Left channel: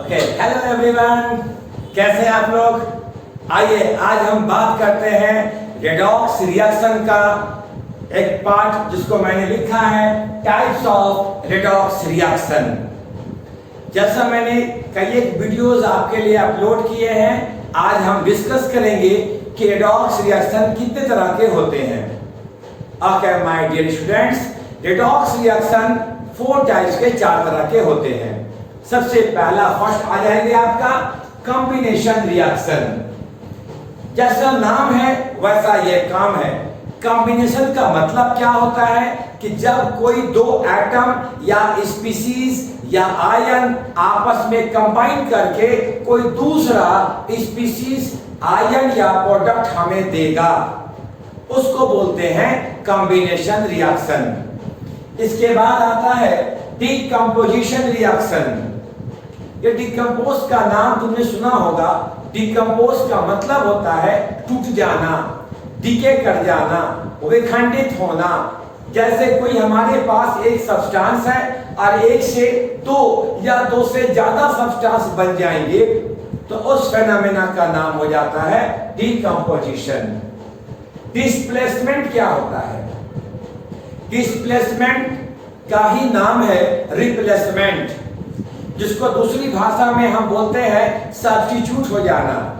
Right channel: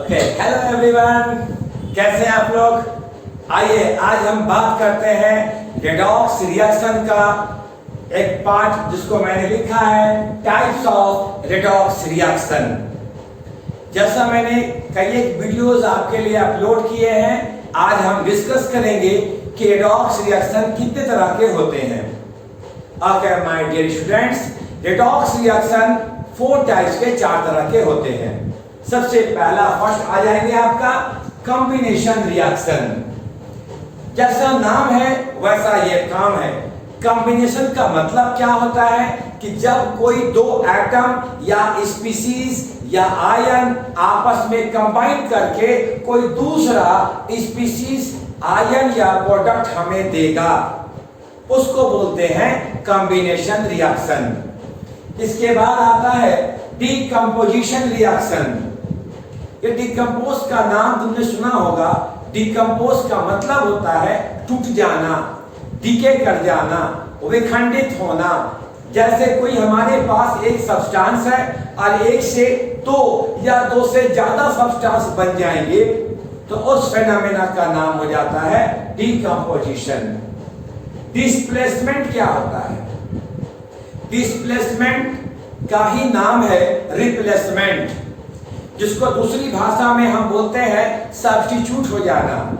Okay, hello everyone, कैसे हैं आप लोग। आइए आज हम बात करते हैं रेडॉक्स रिएक्शन का एक पार्ट जिसको मैंने लिखा है टाइप्स ऑफ रेडॉक्स रिएक्शन। जैसा मैंने कई एक वीडियोस आपके लिए अपलोड किए हैं, आज हम डिस्कस करेंगे कि रेडॉक्स रिएक्शन कितने तरह के होते हैं। Okay my dear students, redox reaction 4 types के 4 तरह के होते हैं। सबसे पहला फर्स्ट आ जाएंगे आपका कॉम्बिनेशन रिएक्शन। जैसा नाम है वैसा ये काम है। कॉम्बिनेशन का मतलब क्या होता है कि जब कोई दो एटम या स्पीसीज या आयन आपस में कंबाइन करके कोई दूसरा स्पीसीज आयन या प्रोडक्ट हमें देगा, उसको बोलते हैं कॉम्बिनेशन रिएक्शन। इसके बाद आता है डीकंपोजिशन रिएक्शन। ये डिकम्पोज का नाम तुमने सुना होगा। डिकम्पोज का मतलब होता है टूट जाना, डीके कर जाना, विखंडित होना। जैसे कोई हमारे पास एक सब्सटेंस है और एक से दो या दो से ज्यादा सब्सटेंस बन जाएंगे तो उस फेनोमेना का नाम हो जाता है डिकम्पोजिशन। डिस्प्लेसमेंट क्या होता है? डिस्प्लेसमेंट का ही नाम है रिप्लेसमेंट, जिसको दूसरी भाषा में हम बोलते हैं सब्स्टिट्यूट हो जाना।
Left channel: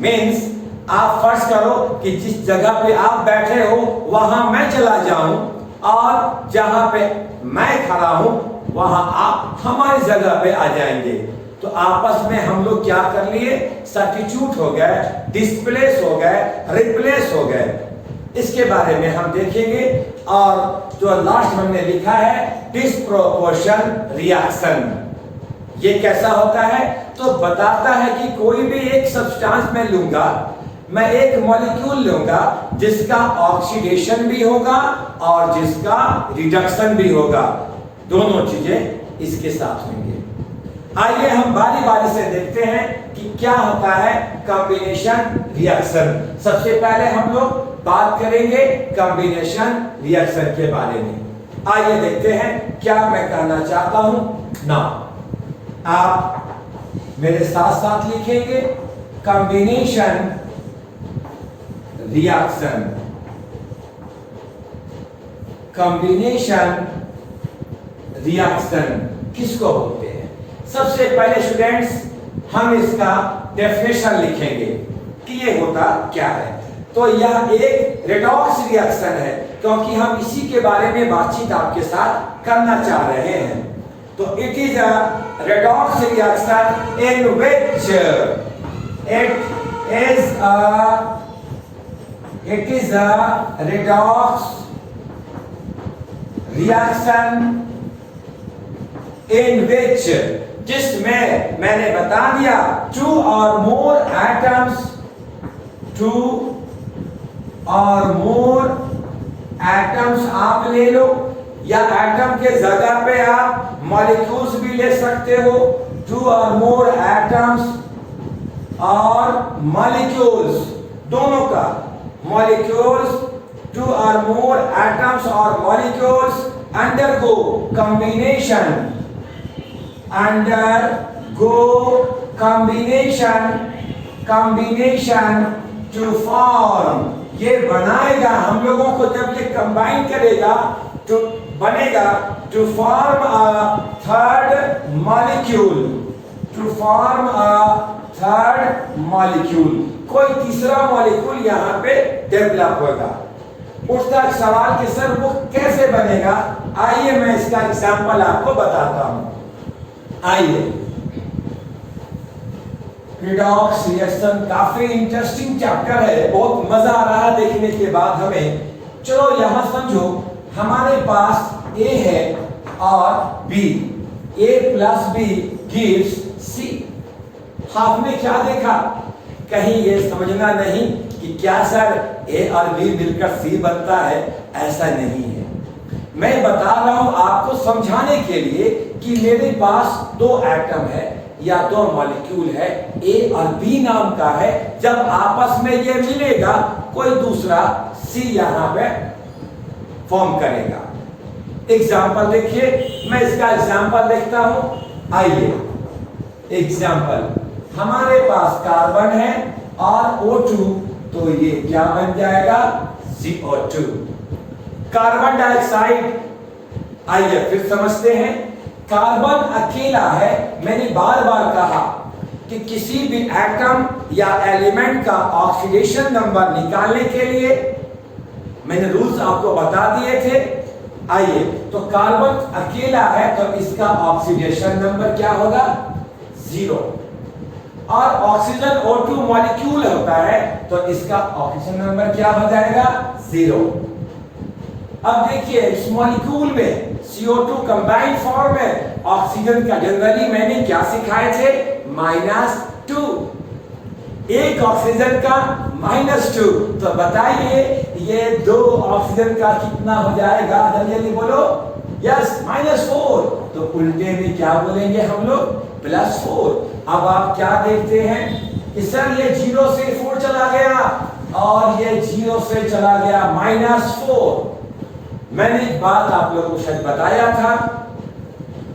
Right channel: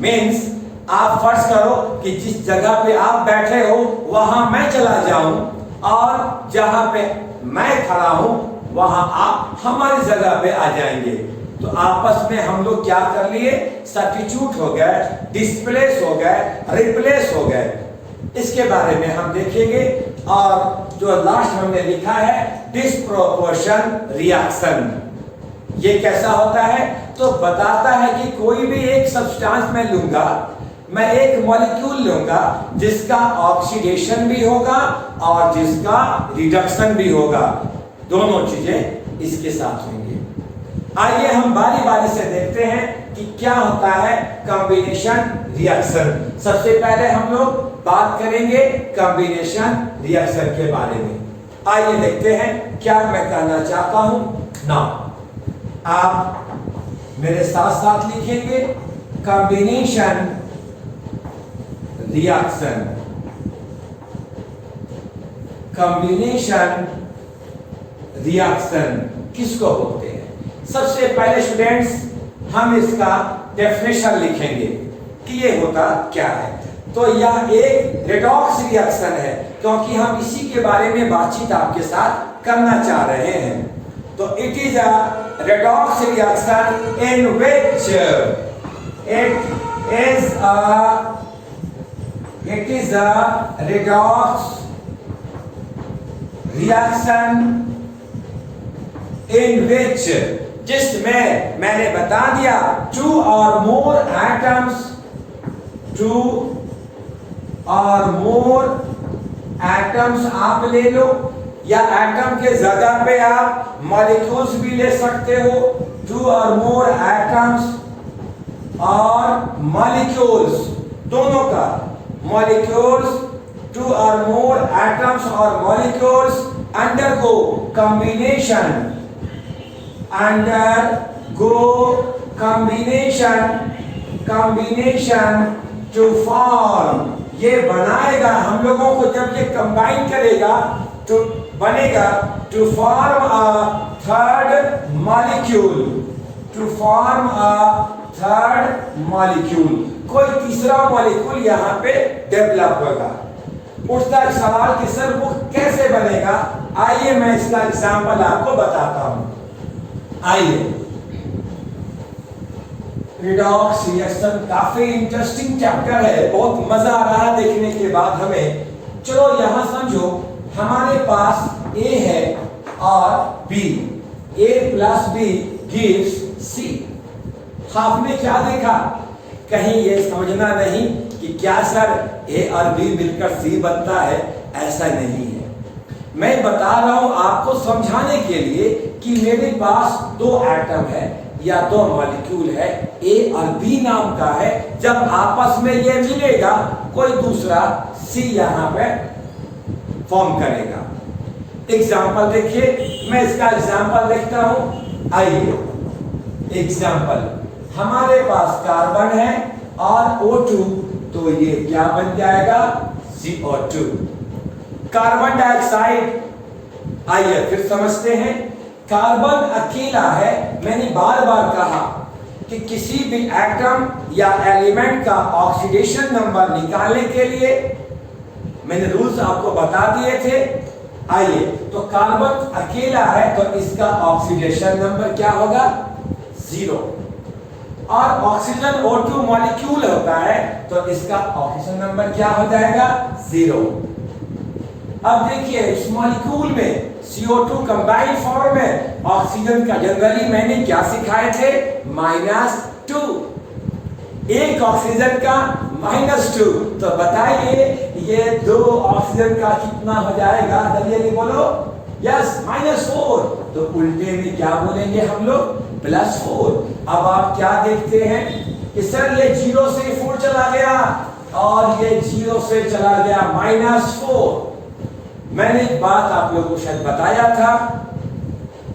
मीन्स आप फर्ज करो कि जिस जगह पे आप बैठे हो वहां मैं चला जाऊं और जहां पे मैं खड़ा हूं वहां आप हमारी जगह पे आ जाएंगे, तो आपस में हम लोग क्या कर लिए? सब्स्टिट्यूट हो गए, डिस्प्लेस हो गए, रिप्लेस हो गए। इसके बारे में हम देखेंगे। और जो लास्ट हमने लिखा है डिस्प्रोपोर्शन रिएक्शन, ये कैसा होता है? तो बताता है कि कोई भी एक सब्सटेंस में लूंगा, मैं एक मॉलिक्यूल लूंगा जिसका ऑक्सीडेशन भी होगा और जिसका रिडक्शन भी होगा, दोनों चीजें इसके साथ होंगे। आइए हम बारी बारी से देखते हैं कि क्या होता है कॉम्बिनेशन रिएक्शन। सबसे पहले हम लोग बात करेंगे कॉम्बिनेशन रिएक्शन के बारे में। आइए देखते हैं क्या मैं कहना चाहता हूं ना। आप मेरे साथ साथ लिखेंगे कॉम्बिनेशन रिएक्शन। कॉम्बिनेशन रिएक्शन किसको बोलते हैं? सबसे पहले स्टूडेंट्स हम इसका डेफिनेशन लिखेंगे कि ये होता क्या है। तो यह एक रेडॉक्स रिएक्शन है, क्योंकि हम इसी के बारे में बातचीत आपके साथ करना चाह रहे हैं। तो it is a redox reaction in which it is a redox reaction in which जिसमें मैंने बता दिया two or more atoms आप ले लो, या एटम के जगह पे आप मॉलिक्यूल्स भी ले सकते हो। 2 or more atoms और मॉलिक्यूल्स दोनों का, मॉलिक्यूल्स 2 or more atoms और molecules undergo combination to form. ये बनाएगा हम लोगों को, जब ये कंबाइन करेगा तो बनेगा to form a third molecule. कोई तीसरा मॉलिक्यूल यहाँ पे डेवलप होगा। उठता है सवाल कि सर वो कैसे बनेगा? आइए मैं इसका एग्जांपल आपको बताता हूं। आइए, रेडॉक्स रिएक्शन काफी इंटरेस्टिंग चैप्टर है, बहुत मजा आ रहा है देखने के बाद हमें। चलो यहां समझो, हमारे पास A है और B, A plus B gives C। आपने क्या देखा? कहीं ये समझना नहीं कि क्या सर A और B मिलकर C बनता है, ऐसा नहीं है। मैं बता रहा हूं आपको समझाने के लिए कि मेरे पास 2 एटम है या 2 मॉलिक्यूल है, A और B नाम का है। जब आपस में ये मिलेगा कोई दूसरा C यहां पे फॉर्म करेगा। एग्जाम्पल देखिए, मैं इसका एग्जाम्पल देखता हूं। आइए एग्जाम्पल, हमारे पास कार्बन है और O2, तो ये क्या बन जाएगा? CO2। कार्बन डाइऑक्साइड, आइए फिर समझते हैं। कार्बन अकेला है। मैंने बार बार कहा कि किसी भी एटम या एलिमेंट का ऑक्सीडेशन नंबर निकालने के लिए मैंने रूल्स आपको बता दिए थे। आइए, तो कार्बन अकेला है तो इसका ऑक्सीडेशन नंबर क्या होगा? 0। और ऑक्सीजन O2 मॉलिक्यूल होता है तो इसका ऑक्सीजन नंबर क्या हो जाएगा? 0। अब देखिए, इस मॉलिक्यूल में CO2 कंबाइंड फॉर्म में ऑक्सीजन का जनरली मैंने क्या सिखाए थे? -2। एक ऑक्सीजन का -2, तो बताइए ये 2 ऑक्सीजन का कितना हो जाएगा? जल्दी जल्दी बोलो। यस, -4। तो उल्टे में क्या बोलेंगे हम लोग? +4। अब आप क्या देखते हैं कि सर ये 0 से 4 चला गया और ये 0 से चला गया -4। मैंने एक बात आप लोगों को शायद बताया था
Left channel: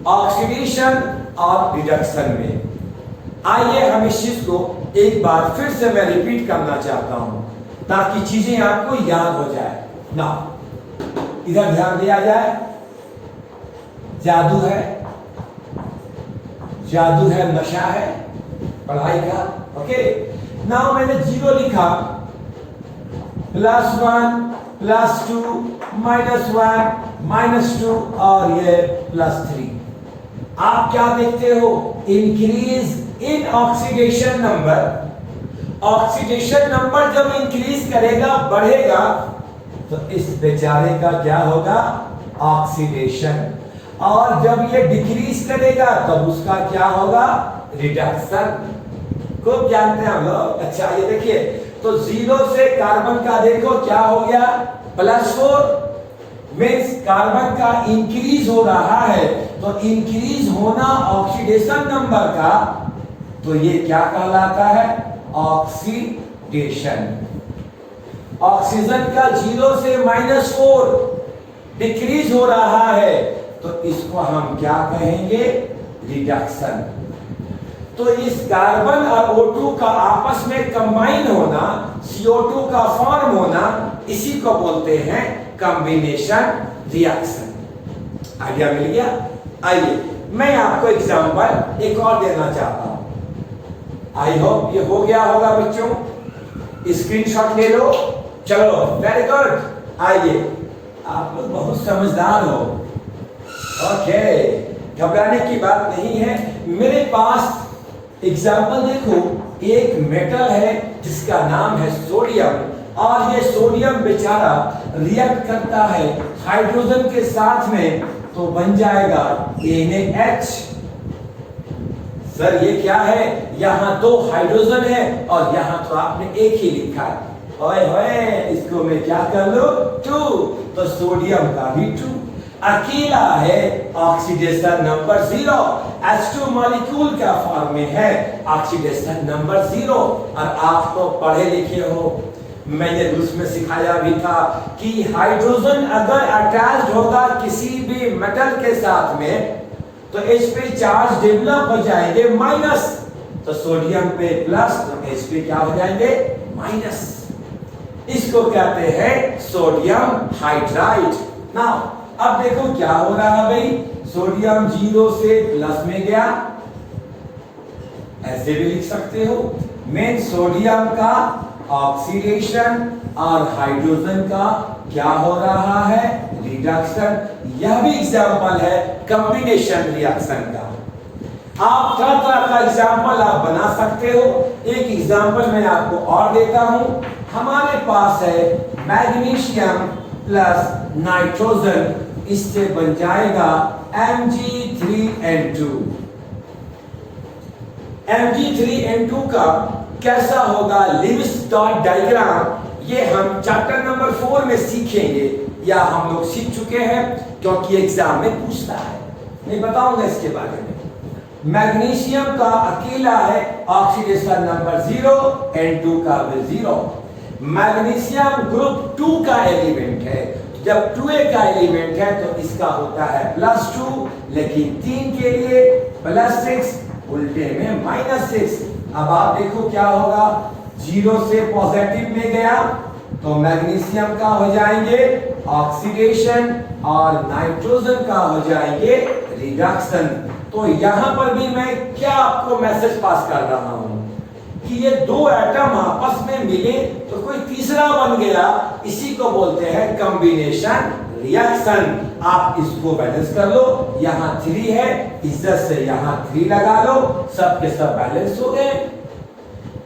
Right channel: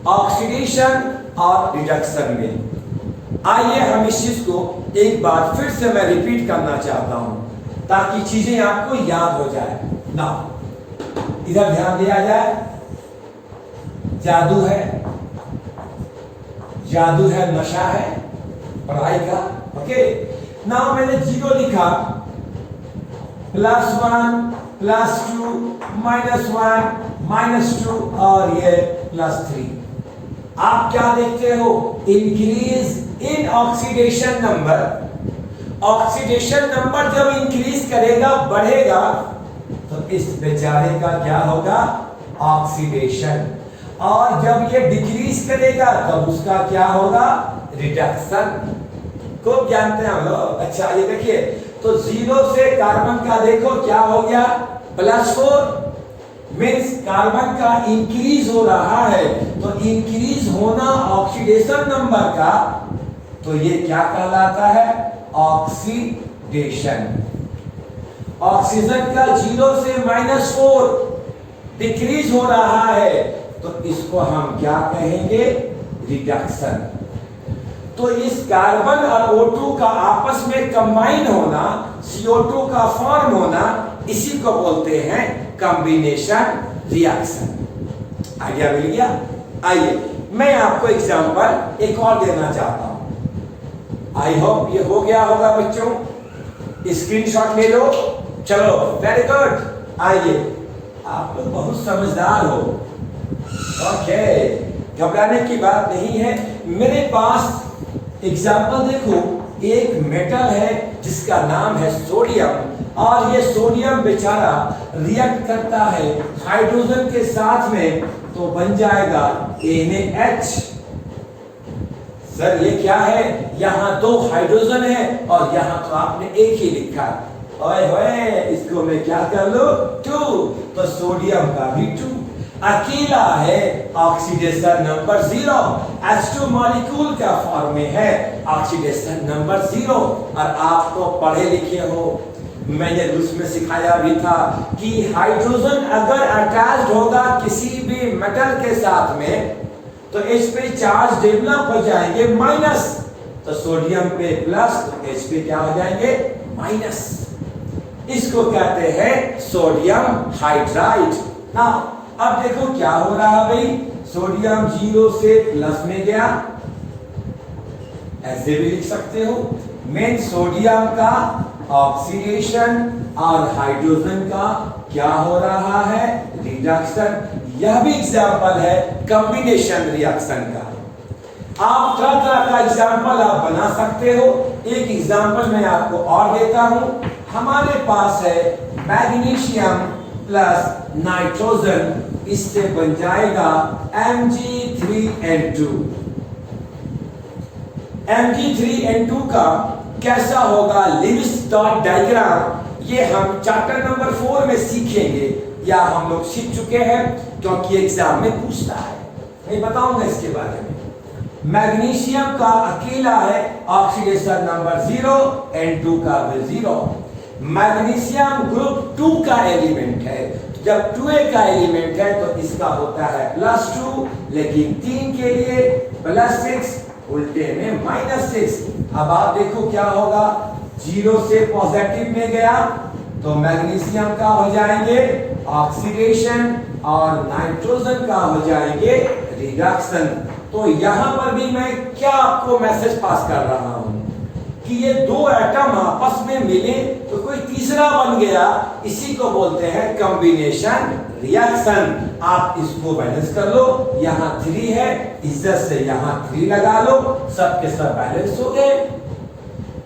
ऑक्सीडेशन और रिडक्शन में। आइए हम इस चीज को एक बार फिर से मैं रिपीट करना चाहता हूं ताकि चीजें आपको याद हो जाए ना। इधर ध्यान दिया जाए। जादू है, नशा है पढ़ाई का। ओके, नाउ मैंने 0 लिखा, +1 +2 -1 -2 और ये +3। आप क्या देखते हो? Increase in oxidation number. Oxidation number जब इंक्रीज करेगा, बढ़ेगा, तो इस बेचारे का क्या होगा? ऑक्सीडेशन। और जब ये डिक्रीज करेगा तब उसका क्या होगा? रिडक्शन। खूब जानते हैं हम लोग। अच्छा, ये देखिए, तो 0 से कार्बन का देखो क्या हो गया? +4। मीन्स कार्बन का इंक्रीज हो रहा है, तो इंक्रीज होना ऑक्सीडेशन नंबर का, तो ये क्या कहलाता है? ऑक्सीडेशन। ऑक्सीजन का 0 से -4 डिक्रीज हो रहा है, तो इसको हम क्या कहेंगे? रिडक्शन। तो इस कार्बन और O2 का आपस में कंबाइन होना, CO2 का फॉर्म होना, इसी को बोलते हैं कॉम्बिनेशन रिएक्शन। आइडिया मिल गया? आइए मैं आपको एग्जांपल एक और देना चाहता हूं। आई होप ये हो गया होगा बच्चों। स्क्रीनशॉट ले लो। चलो, वेरी गुड। आइए, आप लोग बहुत समझदार हो। ओके, घबराने की बात नहीं है। मेरे पास एग्जाम्पल देखो, एक मेटल है जिसका नाम है सोडियम, और ये सोडियम बेचारा रिएक्ट करता है हाइड्रोजन के साथ में, तो बन जाएगा NaH। सर ये क्या है? यहां 2 हाइड्रोजन है और यहां तो आपने एक ही लिखा है। ओए होए, इसको मैं क्या कर लूं? 2। तो सोडियम का भी 2 अकेला है, ऑक्सीडेशन नंबर 0। H2 मॉलिक्यूल का फॉर्म में है, ऑक्सीडेशन नंबर 0। और आप तो पढ़े लिखे हो, मैंने रूल्स में सिखाया भी था कि हाइड्रोजन अगर अटैच्ड होगा किसी भी मेटल के साथ में, तो इस पे चार्ज डेवलप हो जाएंगे माइनस, तो सोडियम पे प्लस, तो इस पे क्या हो जाएंगे? माइनस। इसको कहते हैं सोडियम हाइड्राइड। ना अब देखो क्या हो रहा है भाई, सोडियम 0 से प्लस में गया, ऐसे भी लिख सकते हो। मेन सोडियम का ऑक्सीडेशन और हाइड्रोजन का क्या हो रहा है? रिडक्शन। यह भी एग्जाम्पल है कॉम्बिनेशन रिएक्शन का। आप तरह तरह का एग्जाम्पल आप बना सकते हो। एक एग्जाम्पल मैं आपको और देता हूं। हमारे पास है मैग्नीशियम प्लस नाइट्रोजन, इससे बन जाएगा Mg3N2। Mg3N2 का कैसा होगा लिविस डॉट डायग्राम, ये हम चैप्टर नंबर 4 में सीखेंगे, या हम लोग सीख चुके हैं क्योंकि एग्जाम में पूछता है। मैं बताऊंगा इसके बारे में। मैग्नीशियम का अकेला है, ऑक्सीडेशन नंबर 0, N2 का भी 0। मैग्नीशियम ग्रुप 2 का एलिमेंट है, जब 2A का एलिमेंट है तो इसका होता है +2, लेकिन 3 के लिए +6, उल्टे में -6। अब आप देखो क्या होगा, 0 से पॉजिटिव में गया तो मैग्नीशियम का हो जाएंगे ऑक्सीडेशन और नाइट्रोजन का हो जाएंगे रिडक्शन। तो यहां पर भी मैं क्या आपको मैसेज पास कर रहा हूं कि ये दो एटम आपस में मिले तो कोई तीसरा बन गया, इसी को बोलते हैं कॉम्बिनेशन रिएक्शन। आप इसको बैलेंस कर लो, यहां 3 है, इज्जत से यहां 3 लगा लो, सब के सब बैलेंस हो गए।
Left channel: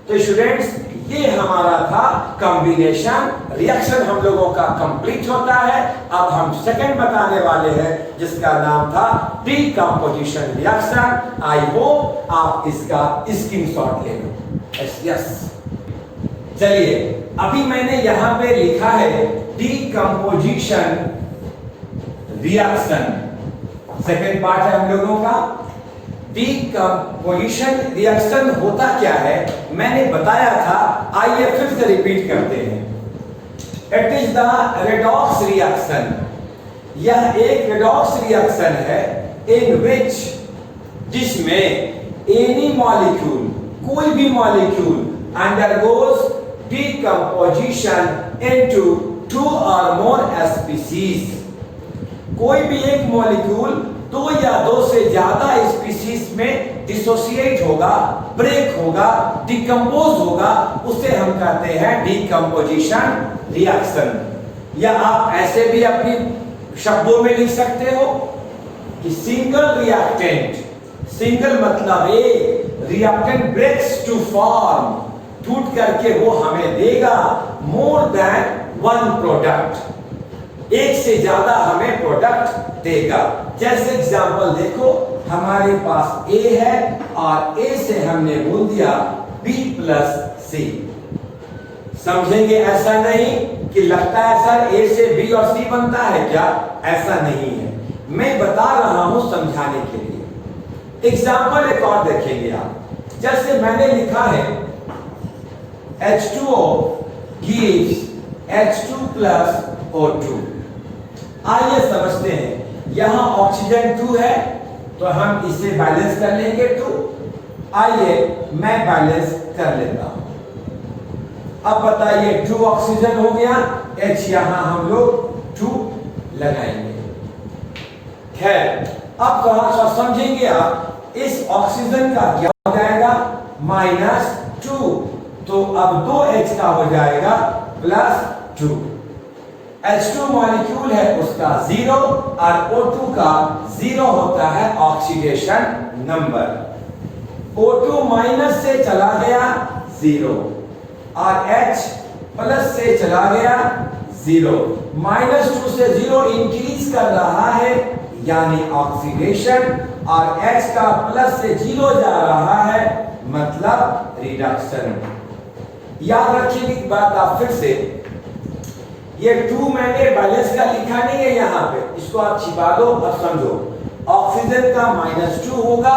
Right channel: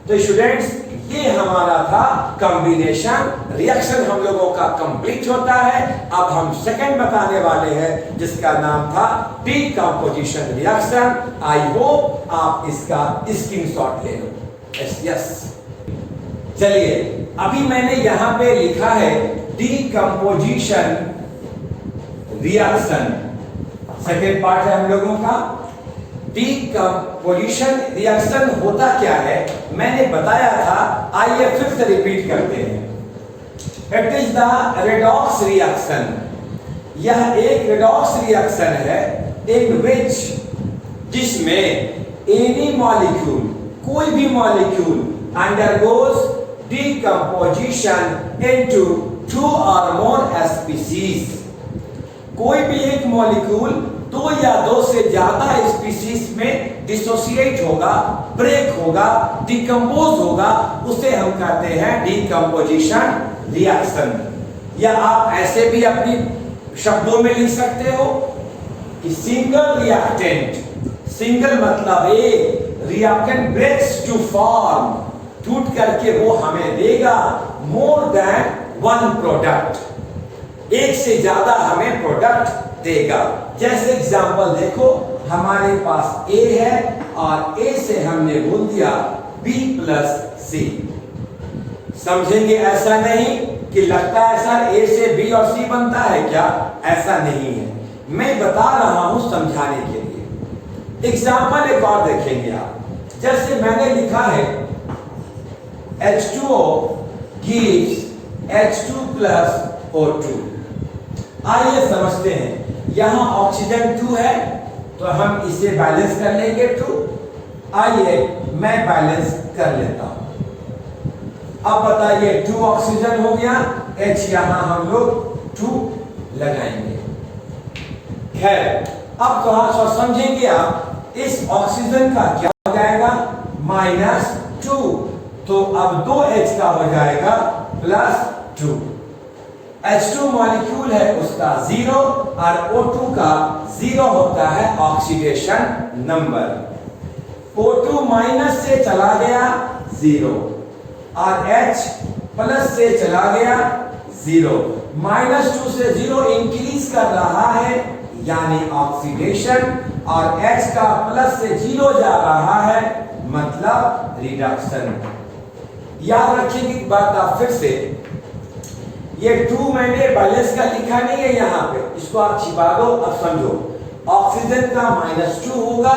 तो स्टूडेंट्स, ये हमारा था कॉम्बिनेशन रिएक्शन, हम लोगों का कंप्लीट होता है। अब हम सेकंड बताने वाले हैं जिसका नाम था डीकंपोजिशन रिएक्शन। आई होप आप इसका स्क्रीनशॉट ले लो। यस, चलिए, अभी मैंने यहां पे लिखा है डीकंपोजिशन रिएक्शन, सेकेंड पार्ट है हम लोगों का। डीकंपोजिशन रिएक्शन होता क्या है मैंने बताया था, आइए फिर से रिपीट करते हैं। It is the redox reaction. यह एक रेडॉक्स रिएक्शन है इन विच, जिसमें एनी मॉलिक्यूल, कोई भी मॉलिक्यूल अंडरगोज डीकंपोजिशन इनटू 2 और मोर स्पीशीज। कोई भी एक मॉलिक्यूल 2 या 2 से ज्यादा स्पीशीज में डिसोसिएट होगा, ब्रेक होगा, डिकम्पोज होगा, उसे हम कहते हैं डीकंपोजिशन रिएक्शन। या आप ऐसे भी अपनी शब्दों में लिख सकते हो कि सिंगल रिएक्टेंट, सिंगल मतलब एक रिएक्टेंट ब्रेक्स टू फॉर्म, टूट करके वो हमें देगा मोर देन 1 प्रोडक्ट, एक से ज्यादा हमें प्रोडक्ट देगा। जैसे एग्जांपल देखो, हमारे पास A है और A से हमने बोल दिया B प्लस C। समझेंगे, ऐसा नहीं कि लगता है सर A से B और C बनता है क्या, ऐसा नहीं है, मैं बता रहा हूं समझाने के लिए। एग्जांपल एक और देखेंगे आप, जैसे मैंने लिखा है H2O gives H2 plus O2। आइए समझते हैं, यहां ऑक्सीजन 2 है तो हम इसे बैलेंस कर लेंगे 2। आइए मैं बैलेंस कर लेता हूं। अब बताइए 2 ऑक्सीजन हो गया, H यहां हम लोग 2 लगाएंगे। खैर, अब थोड़ा सा समझेंगे आप, इस ऑक्सीजन का क्या हो जाएगा, -2, तो अब 2H का हो जाएगा +2। H2 मॉलिक्यूल है उसका 0 और O2 का 0 होता है ऑक्सीडेशन नंबर। O2 माइनस से चला गया 0 और H प्लस से चला गया 0। -2 से 0 इंक्रीज कर रहा है यानी ऑक्सीडेशन, और H का प्लस से 0 जा रहा है मतलब रिडक्शन। याद रखिए कि बात आप फिर से, ये 2 मैंने बैलेंस का लिखा नहीं है यहां पे, इसको आप छिपा दो। अब समझो, ऑक्सीजन का -2 होगा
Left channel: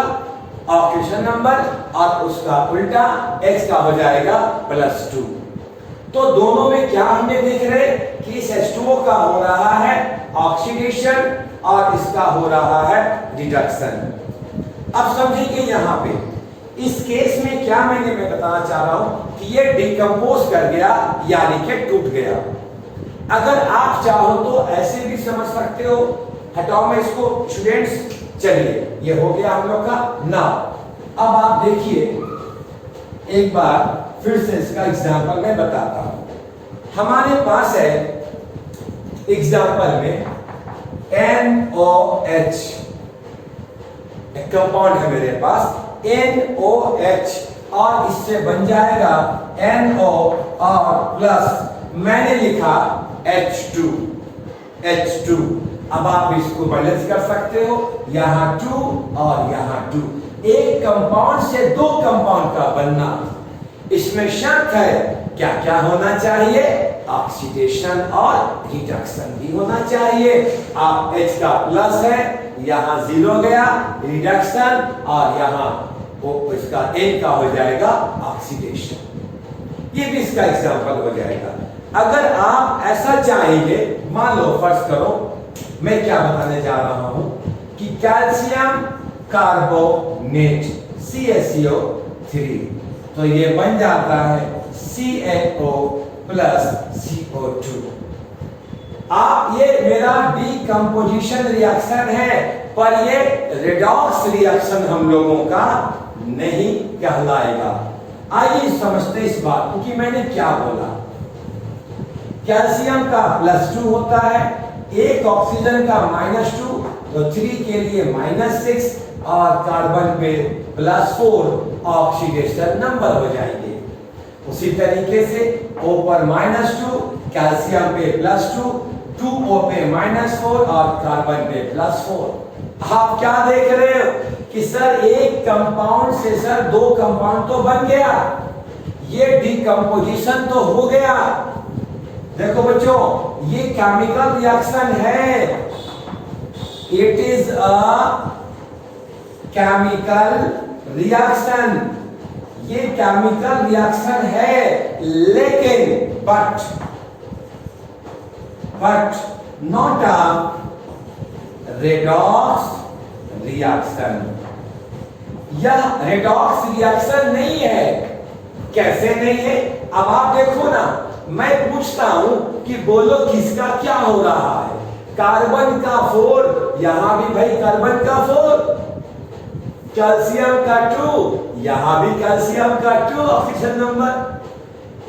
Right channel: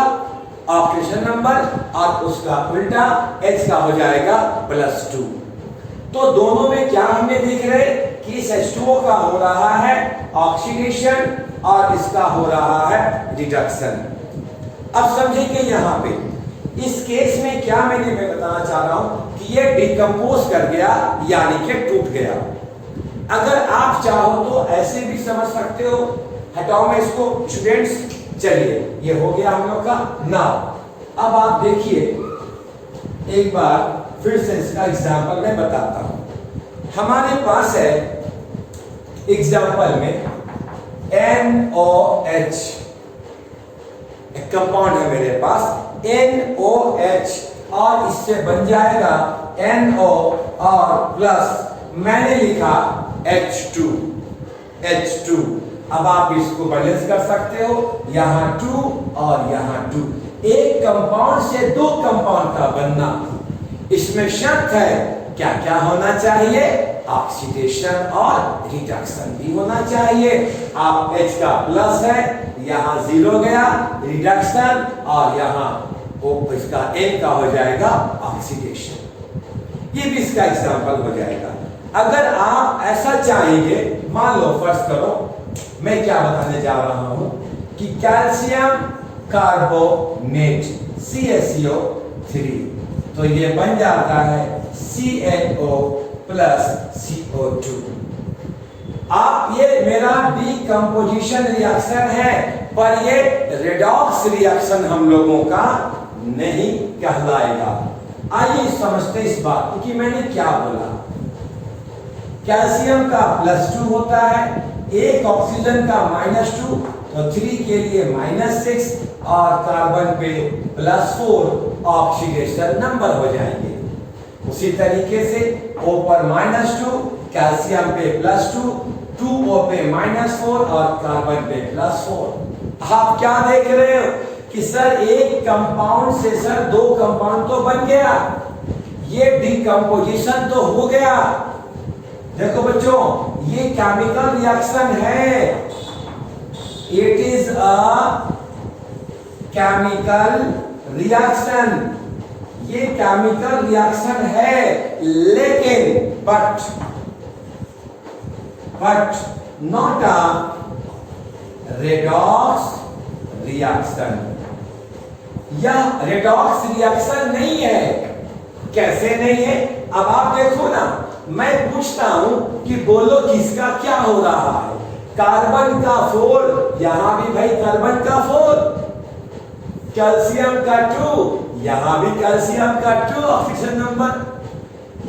ऑक्सीडेशन नंबर और उसका उल्टा H का हो जाएगा +2। तो दोनों में क्या हमें देख रहे कि इस H2O का हो रहा है ऑक्सीडेशन और इसका हो रहा है रिडक्शन। अब समझेंगे यहां पे इस केस में क्या मैं बताना चाह रहा हूं कि ये डिकम्पोज कर गया यानी कि टूट गया। अगर आप चाहो तो ऐसे भी समझ सकते हो, हटाओ मैं इसको स्टूडेंट्स। चलिए, ये हो गया हम लोग का नाउ। अब आप देखिए एक बार फिर से इसका एग्जांपल मैं बताता हूं। हमारे पास है एग्जांपल में NOH, एक कंपाउंड है मेरे पास NOH, और इससे बन जाएगा NO और प्लस मैंने लिखा H2। अब आप इसको बैलेंस कर सकते हो, यहां 2 और यहां 2। एक कंपाउंड से 2 कंपाउंड का बनना, इसमें शर्त है क्या क्या होना चाहिए, ऑक्सीडेशन और रिडक्शन भी होना चाहिए। आप H का प्लस है, यहां 0 गया रिडक्शन, और यहां इसका N का हो जाएगा ऑक्सीडेशन। ये भी इसका एग्जांपल हो जाएगा। अगर आप ऐसा चाहेंगे, मान लो फर्ज करो मैं क्या बताने जा रहा हूं कि कैल्शियम कार्बोनेट CaCO3, तो ये बन जाता है CaO प्लस CO2। आप ये मेरा डीकंपोजिशन रिएक्शन है, पर ये रेडॉक्स रिएक्शन हम लोगों का नहीं कहलाएगा। आइए समझते इस बात को कि मैंने क्या बोला। कैल्शियम का +2 होता है, एक ऑक्सीजन का -2, तो 3 के लिए -6 और कार्बन पे +4 ऑक्सीडेशन नंबर हो जाएंगे। उसी तरीके से O पर -2, कैल्शियम पे +2, 2O पे -4 और कार्बन पे +4। आप क्या देख रहे हो कि सर एक कंपाउंड से सर 2 कंपाउंड तो बन गया, ये डीकंपोजिशन तो हो गया। देखो बच्चों, ये केमिकल रिएक्शन है, it is a chemical reaction, ये केमिकल रिएक्शन है, लेकिन but not a redox reaction. यह रेडॉक्स रिएक्शन नहीं है। कैसे नहीं है? अब आप देखो ना, मैं पूछता हूं कि बोलो किसका क्या हो रहा है। कार्बन का 4, यहां भी भाई कार्बन का 4, कैल्शियम का 2, यहां भी कैल्शियम का 2 ऑक्सीजन नंबर,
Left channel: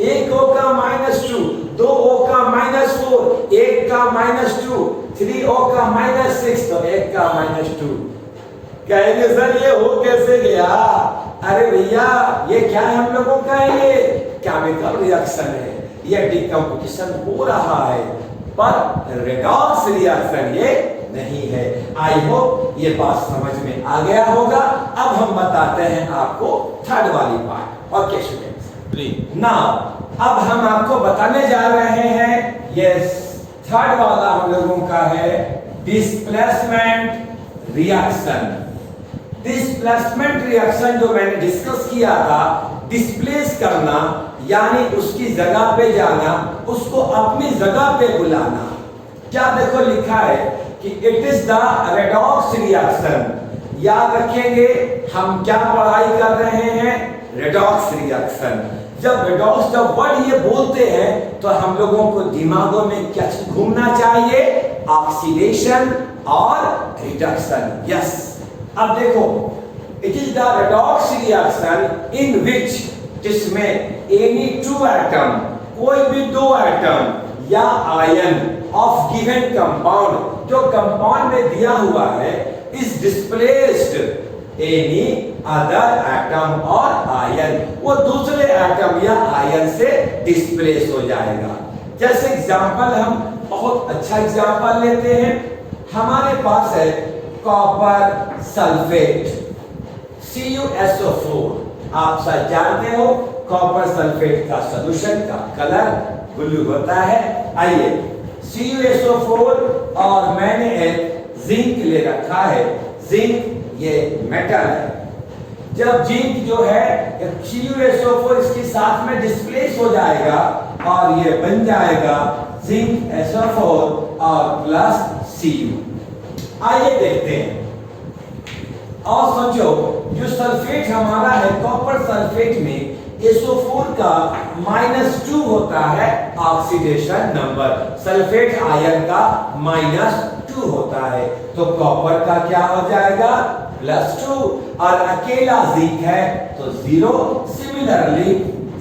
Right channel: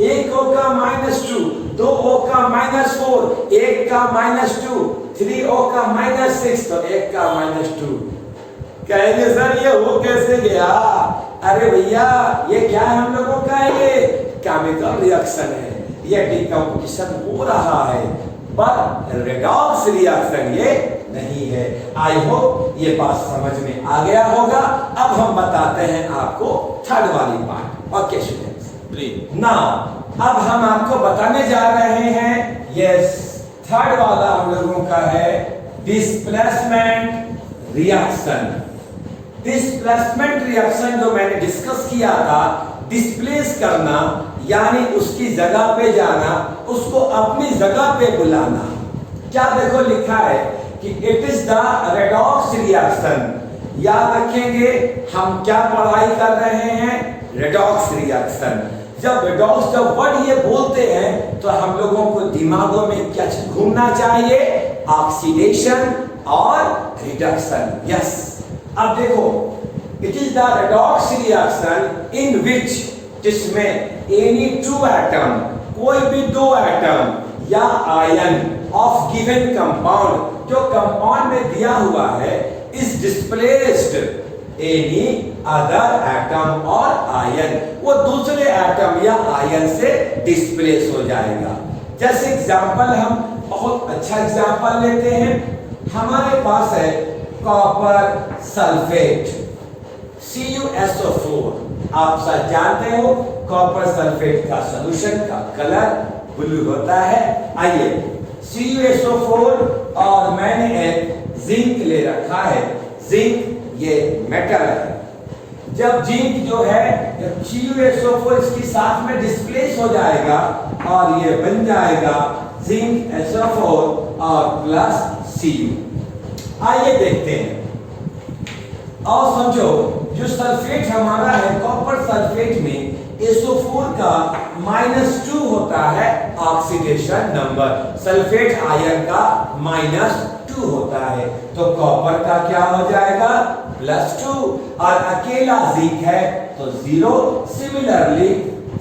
एक O का -2, 2O का -4, एक का -2, 3O का -6, तो एक का -2। कहेंगे सर ये हो कैसे गया? अरे भैया ये क्या है हम लोगों का, ये केमिकल रिएक्शन है, ये डीकंपोजिशन हो रहा है, पर रेडॉक्स रिएक्शन ये नहीं है। आई होप ये बात समझ में आ गया होगा। अब हम बताते हैं आपको थर्ड वाली पार्ट। ओके स्टूडेंट्स, नाउ अब हम आपको बताने जा रहे हैं, यस थर्ड वाला हम लोगों का है डिस्प्लेसमेंट रिएक्शन। डिस्प्लेसमेंट रिएक्शन जो मैंने डिस्कस किया था, डिस्प्लेस करना यानी उसकी जगह पे जाना, उसको अपनी जगह पे बुलाना। क्या देखो लिखा है कि it is the redox reaction. याद रखेंगे हम क्या पढ़ाई कर रहे हैं, रेडॉक्स रिएक्शन। जब रेडॉक्स जब वर्ड ये बोलते हैं तो हम लोगों को दिमागों में क्या घूमना चाहिए, ऑक्सीडेशन और रिडक्शन। यस, अब देखो it is the redox reaction in which, जिसमें एनी 2 एटम, कोई भी 2 एटम या आयन ऑफ गिवन कंपाउंड, जो कंपाउंड में दिया हुआ है, is displaced any other atom और आयन, वो दूसरे एटम या आयन से डिस्प्लेस हो जाएगा। जैसे एग्जांपल हम बहुत अच्छा एग्जांपल लेते हैं, हमारे पास है कॉपर सल्फेट CuSO4। आप सब जानते हो कॉपर सल्फेट का सॉल्यूशन का कलर ब्लू होता है। आइए CuSO4 और मैंने एक जिंक ले रखा है, जिंक ये मेटल है। जब जिंक जो है CuSO4 इसके साथ में डिस्प्लेस हो जाएगा और ये बन जाएगा जिंक SO4 और प्लस Cu। आइए देखते हैं और समझो, जो सल्फेट हमारा है कॉपर सल्फेट में SO4 का -2 होता है ऑक्सीडेशन नंबर, सल्फेट आयन का -2 होता है, तो कॉपर का क्या हो जाएगा +2 और अकेला जिंक है तो 0। सिमिलरली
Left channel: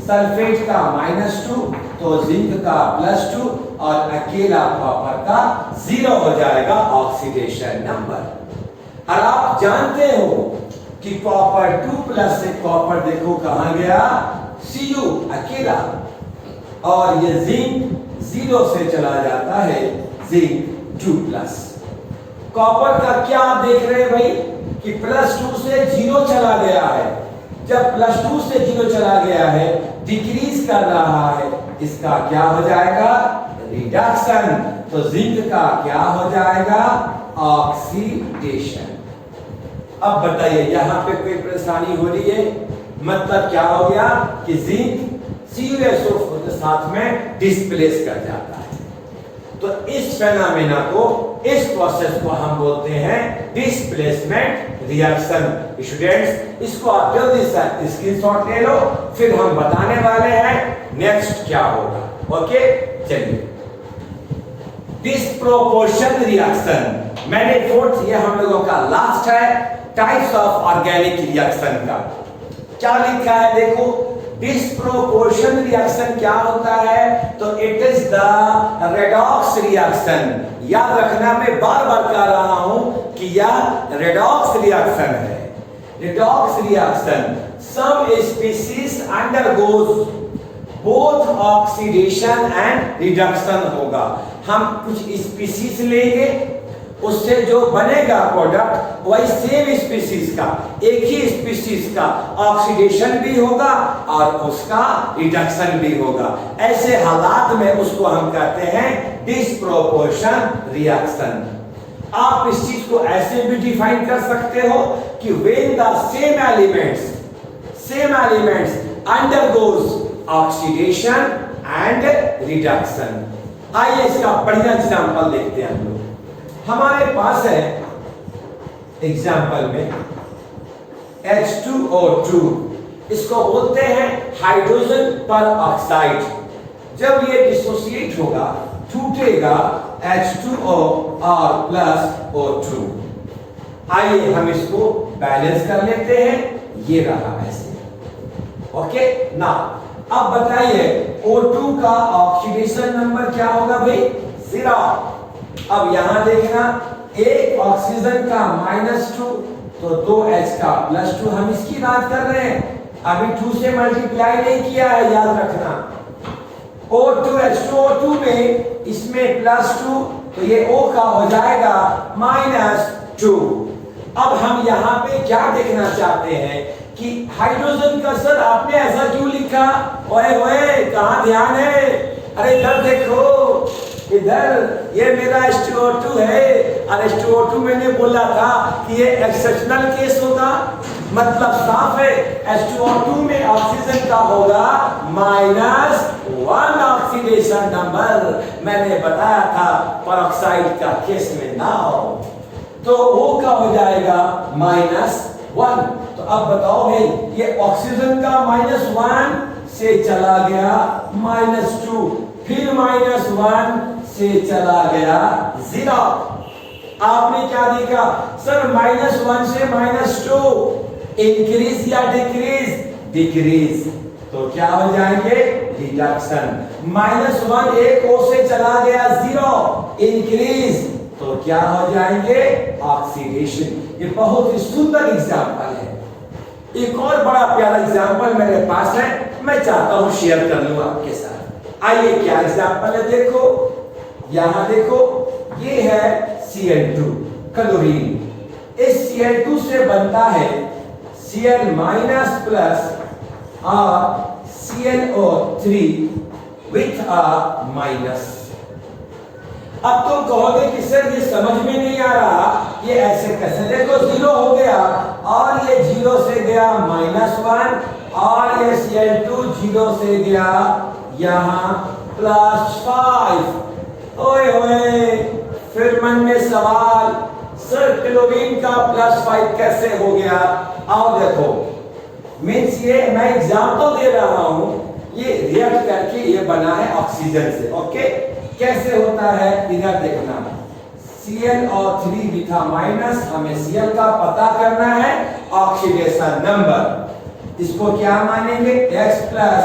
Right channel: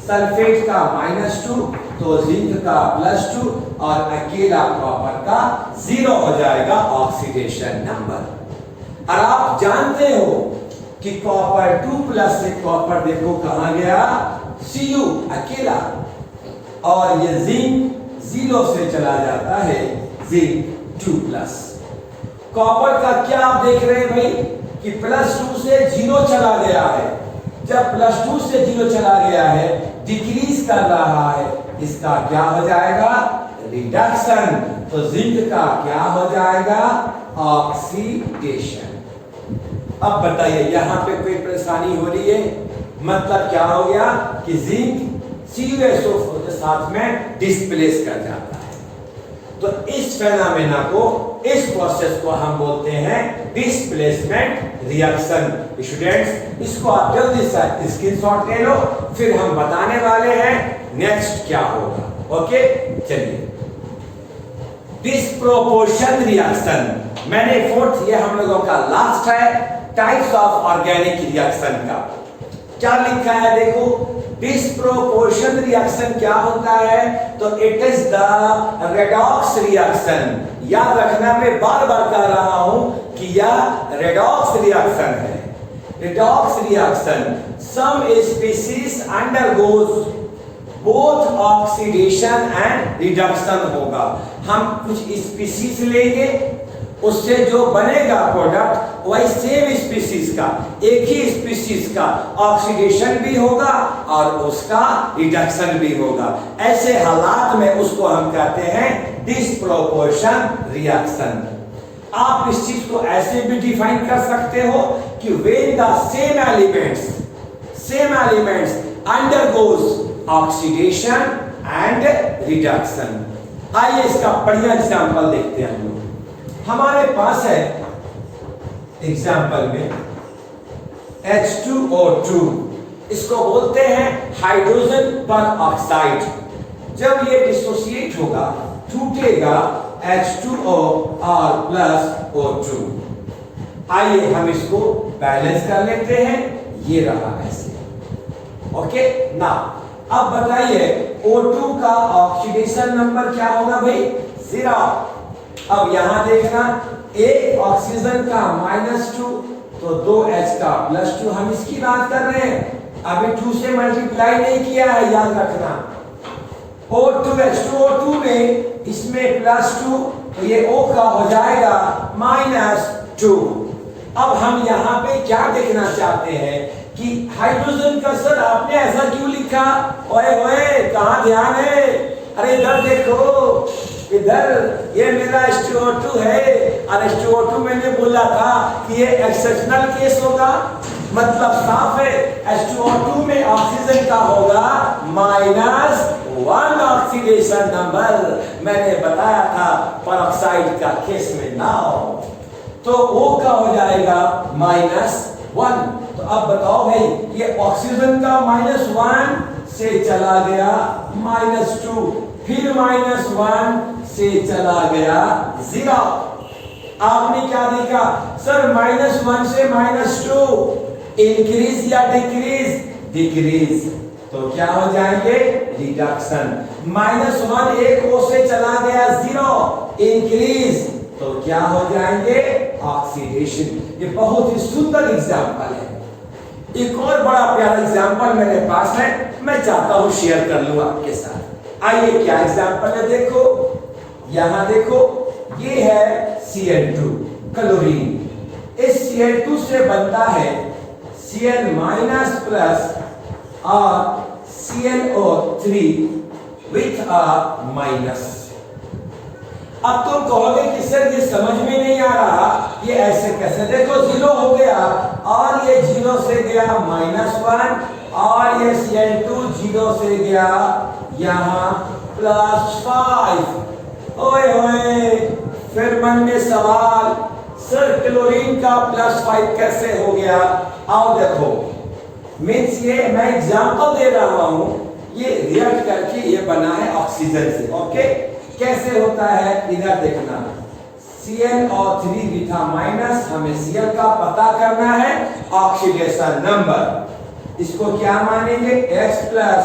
सल्फेट का -2 तो जिंक का +2 और अकेला कॉपर का 0 हो जाएगा ऑक्सीडेशन नंबर। और आप जानते हो कि कॉपर 2+ से कॉपर देखो कहां गया, Cu अकेला, और ये जिंक 0 से चला जाता है, जिंक 2+। कॉपर का क्या आप देख रहे हैं भाई कि +2 से 0 चला गया है। जब +2 से 0 चला गया है, डिक्रीज कर रहा है, इसका क्या हो जाएगा रिडक्शन, तो जिंक का क्या हो जाएगा ऑक्सीडेशन। अब बताइए यहां पे कोई परेशानी हो रही है? मतलब क्या हो गया कि जिंक CuSO4 के साथ में डिस्प्लेस कर जाता है। तो इस फेनोमेना को, इस प्रोसेस को हम बोलते हैं डिस्प्लेसमेंट रिएक्शन। स्टूडेंट्स, इसको आप जल्दी से स्क्रीनशॉट ले लो, फिर हम बताने वाले हैं नेक्स्ट क्या होगा। ओके, चलिए। डिस्प्रोपोर्शन रिएक्शन, मैंने फोर्थ, ये हम लोगों का लास्ट है टाइप्स ऑफ ऑर्गेनिक रिएक्शन का। क्या लिखा है देखो, डिस्प्रोपोर्शन रिएक्शन क्या होता है, तो it is the redox reaction. याद रखना, मैं बार बार कह रहा हूं कि यह रेडॉक्स रिएक्शन है। Redox reaction, some species undergoes both oxidation and reduction होगा। हम कुछ स्पीशीज लेंगे, उससे जो बनेगा प्रोडक्ट वही सेम स्पीशीज का, एक ही स्पीशीज का ऑक्सीडेशन भी होगा और उसका रिडक्शन भी होगा। ऐसे हालात में उसको हम कहते हैं डिस्प्रोपोर्शन रिएक्शन। आप इस चीज को ऐसे भी डिफाइन कर सकते हो कि when the same elements undergoes oxidation and reduction. आइए इसका बढ़िया एग्जांपल देखते हैं हम लोग। हमारे पास है एग्जाम्पल में H2O2, इसको बोलते हैं हाइड्रोजन पर ऑक्साइड। जब ये डिसोसिएट होगा, टूटेगा H2O और प्लस O2। आइए हम इसको बैलेंस कर लेते हैं, ये रहा ऐसे। ओके ना, अब बताइए O2 का ऑक्सीडेशन नंबर क्या होगा भाई, 0। अब यहां देखना, एक ऑक्सीजन का -2 तो 2H का +2, हम इसकी बात कर रहे हैं, अभी 2 से मल्टीप्लाई नहीं किया है, याद रखना। O2H2O2 में इसमें +2 तो ये O का हो जाएगा -2। अब हम यहाँ पे क्या देखना चाहते हैं कि हाइड्रोजन का, सर आपने ऐसा क्यों लिखा, ओए ओए कहाँ ध्यान है, अरे इधर देखो, इधर ये मेरा H2O2 है और H2O2 मैंने बोला था कि ये एक्सेप्शनल केस होगा, मतलब साफ है H2O2 में ऑक्सीजन का होगा -1 ऑक्सीडेशन नंबर। मैंने बताया था परऑक्साइड का केस में ना हो, तो O का हो जाएगा -1। तो अब बताओ भाई, ये ऑक्सीजन का -1 से चला गया -2, फिर -1 से चला गया 0। आपने क्या देखा, सर -1 से -2 इंक्रीज या डिक्रीज, डिक्रीज, तो क्या हो जाएंगे, रिडक्शन। -1 एक O से चला गया 0, इंक्रीज, तो क्या हो जाएंगे, ऑक्सीडेशन। ये बहुत ही सुंदर एग्जाम्पल है। एक और बड़ा प्यारा एग्जाम्पल मेरे पास है, मैं चाहता हूं शेयर कर लूं आपके साथ। आइए क्या एग्जाम्पल है, देखो यहां देखो, ये है Cl2 क्लोरीन। इस Cl2 से बनता है Cl- प्लस और ClO3 विथ अ माइनस। अब तुम कहोगे कि सर ये समझ में नहीं आ रहा, ये ऐसे कैसे, देखो 0 हो गया और ये 0 से गया -1 और ये Cl2 0 से गया यहां +5। ओए होए, फिर मन में सवाल, सर क्लोरीन का +5 कैसे हो गया। आओ देखो, मीन्स ये मैं एग्जांपल दे रहा हूं, ये रिएक्ट करके ये बना है ऑक्सीजन से। ओके, कैसे होता है इधर देखना, ClO3 विथ माइनस, हमें Cl का पता करना है, ऑक्सीडेशन नंबर, इसको क्या मानेंगे, H प्लस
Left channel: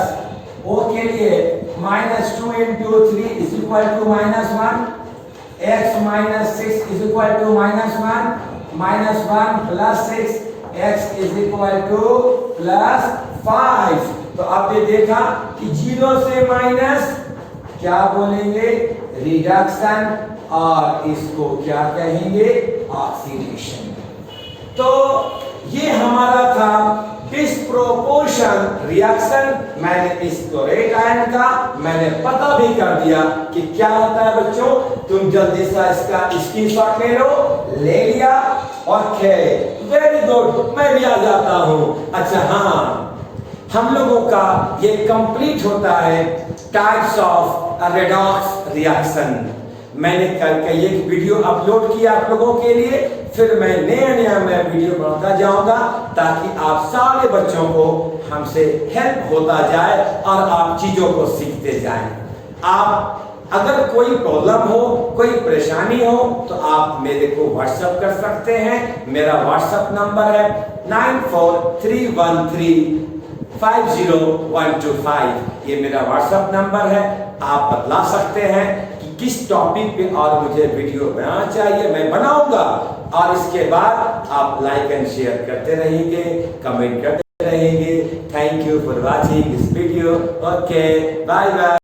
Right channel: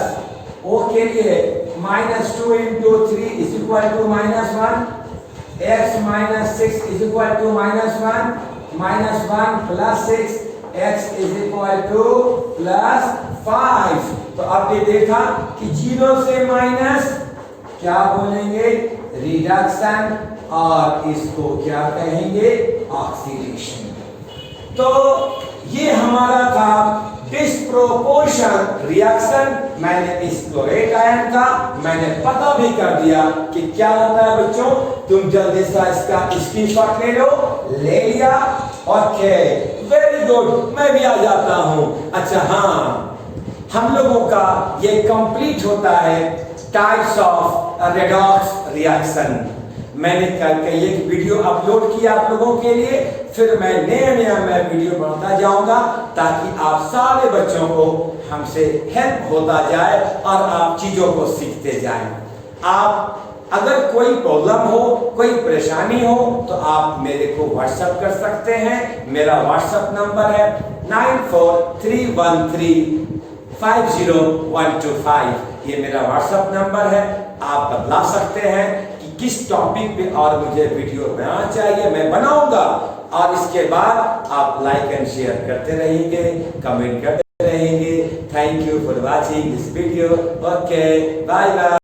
O के लिए -2 × 3 is equal to -1, X - 6 is equal to -1, -1 + 6 X is equal to +5। तो आपने देखा कि 0 से माइनस क्या बोलेंगे, रिडक्शन, और इसको क्या कहेंगे, ऑक्सीडेशन। तो ये हमारा था डिस्प्रोपोर्शन रिएक्शन। मैंने इस क्लोरेट आयन का मैंने पता भी कर दिया कि क्या होता है बच्चों, तुम जल्दी से इसका स्क्रीनशॉट ले लो, ले लिया, ओके वेरी गुड, मैं भी आ जाता हूं। अच्छा हाँ, हम लोगों का ये कंप्लीट होता है टाइप्स ऑफ रेडॉक्स रिएक्शन। मैंने कल कल एक वीडियो अपलोड किया आप लोगों के लिए, फिर मैं नया मैं वीडियो बनाता जाऊंगा ताकि आप सारे बच्चों को हमसे हेल्प होता जाए और आप चीजों को सीखते जाएं। आप अगर कोई प्रॉब्लम हो, कोई परेशानी हो तो आप मेरे को व्हाट्सएप कर सकते हैं। मेरा व्हाट्सएप नंबर है 9431350125। ये मेरा व्हाट्सएप नंबर है। आप बतला सकते हैं कि किस टॉपिक पे और मुझे वीडियो बनाना चाहिए, मैं बनाऊंगा। और इसके बाद आप लाइक एंड शेयर करते रहेंगे, कमेंट करते रहेंगे। Thank you for watching this video. Okay, bye bye.